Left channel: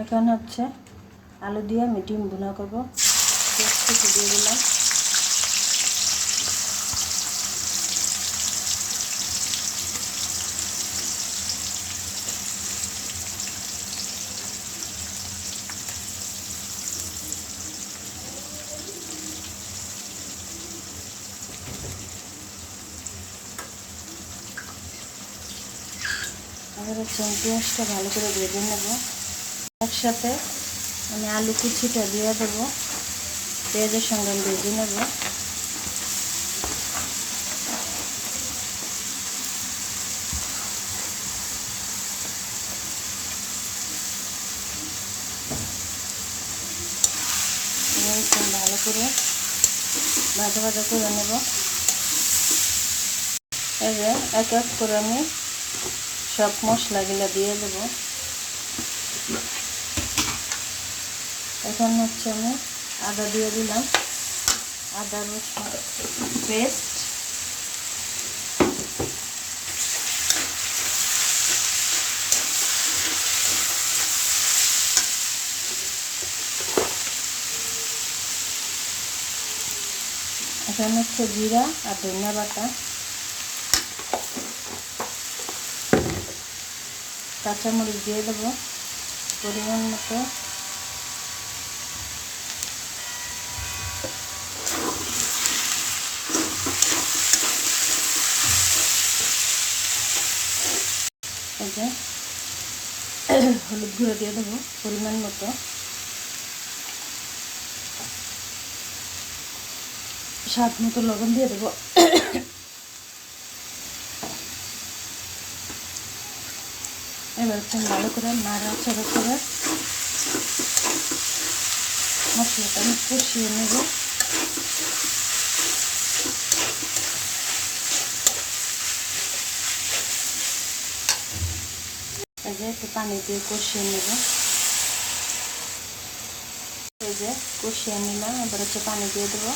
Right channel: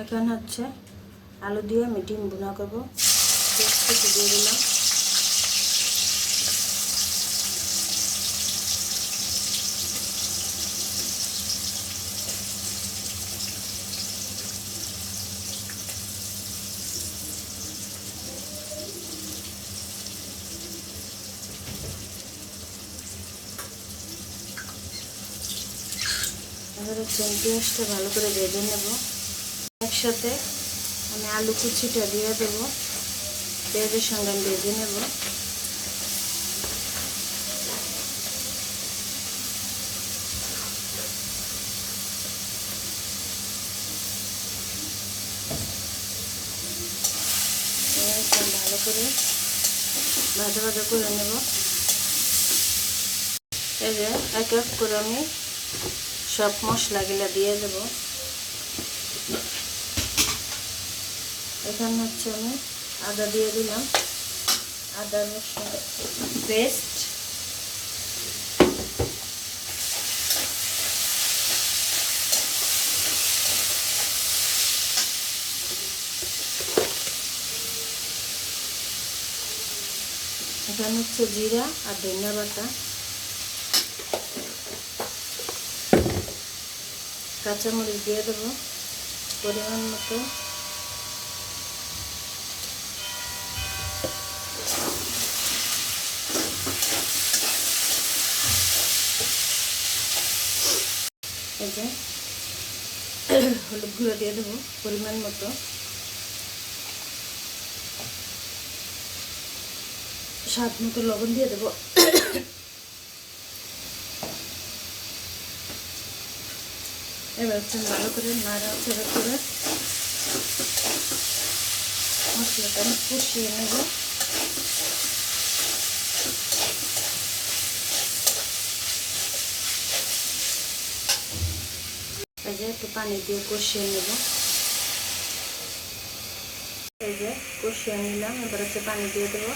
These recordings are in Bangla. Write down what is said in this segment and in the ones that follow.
এখন হচ্ছে আলু দিয়ে আমি ডিম ভুনা করব। পেস্ট দিয়ে দিলাম। এবার পেঁয়াজটা ভালো করে ভেজে নেব। একসাথে আমি আলু কুচিটা দিয়ে দেবো, পেঁয়াজের সঙ্গে আমি ভেজে নেব। ভালো করে ভাজা ভাজা করে নেব। এই যে এক এক করে আমি সব মশলাগুলো দিয়ে দেব। এখন হচ্ছে আমি আদা দিয়ে দিলাম, আদা রসুন পেস্ট, এখন হচ্ছে জিরা আর ধনিয়া বাটা, কাঁচামরিচ দিয়ে দেবো পরিমাণ মতো। এই যে হলুদ গুঁড়ো দিয়ে দেবো পরিমাণ মতো। স্বাদ মতো লবণ দিয়ে দেবো। এবার হচ্ছে ভালো করে নাড়াচাড়া করে মশলাটা আমি কষিয়ে নেব। এই যে একটু পানি দিয়ে কষিয়ে নেব। এই যে কষিয়ে নিলাম, এবার হচ্ছে পানি দিয়ে দেবো।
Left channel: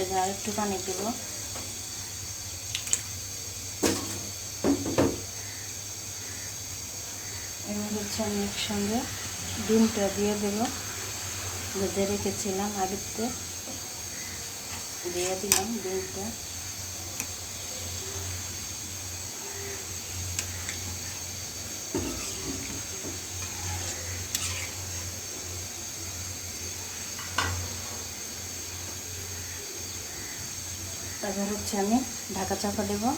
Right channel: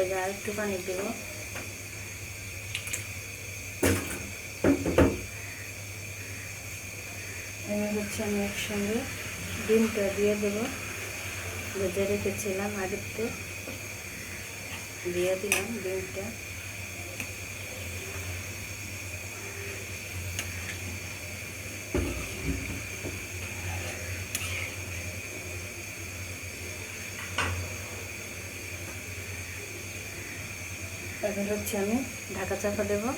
এই যে আর একটু পানি দেব। এবার হচ্ছে আমি একসঙ্গে ডিমটা দিয়ে দেবো, ভেজে রেখেছিলাম আগেতে, দিয়ে দিলাম ডিমটা। এবার হচ্ছে আমি ঢাকা চাপা দেবো।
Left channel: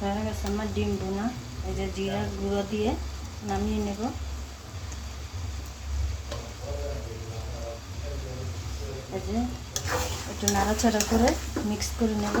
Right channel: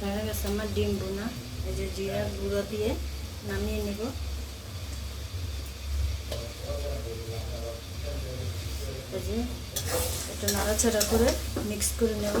হয়ে গেছে আমার ডিম ভুনা। এই যে জিরার গুঁড়ো দিয়ে নামিয়ে নেব। এই যে একটু নাড়াচাড়া করে মিক্স করে নেব।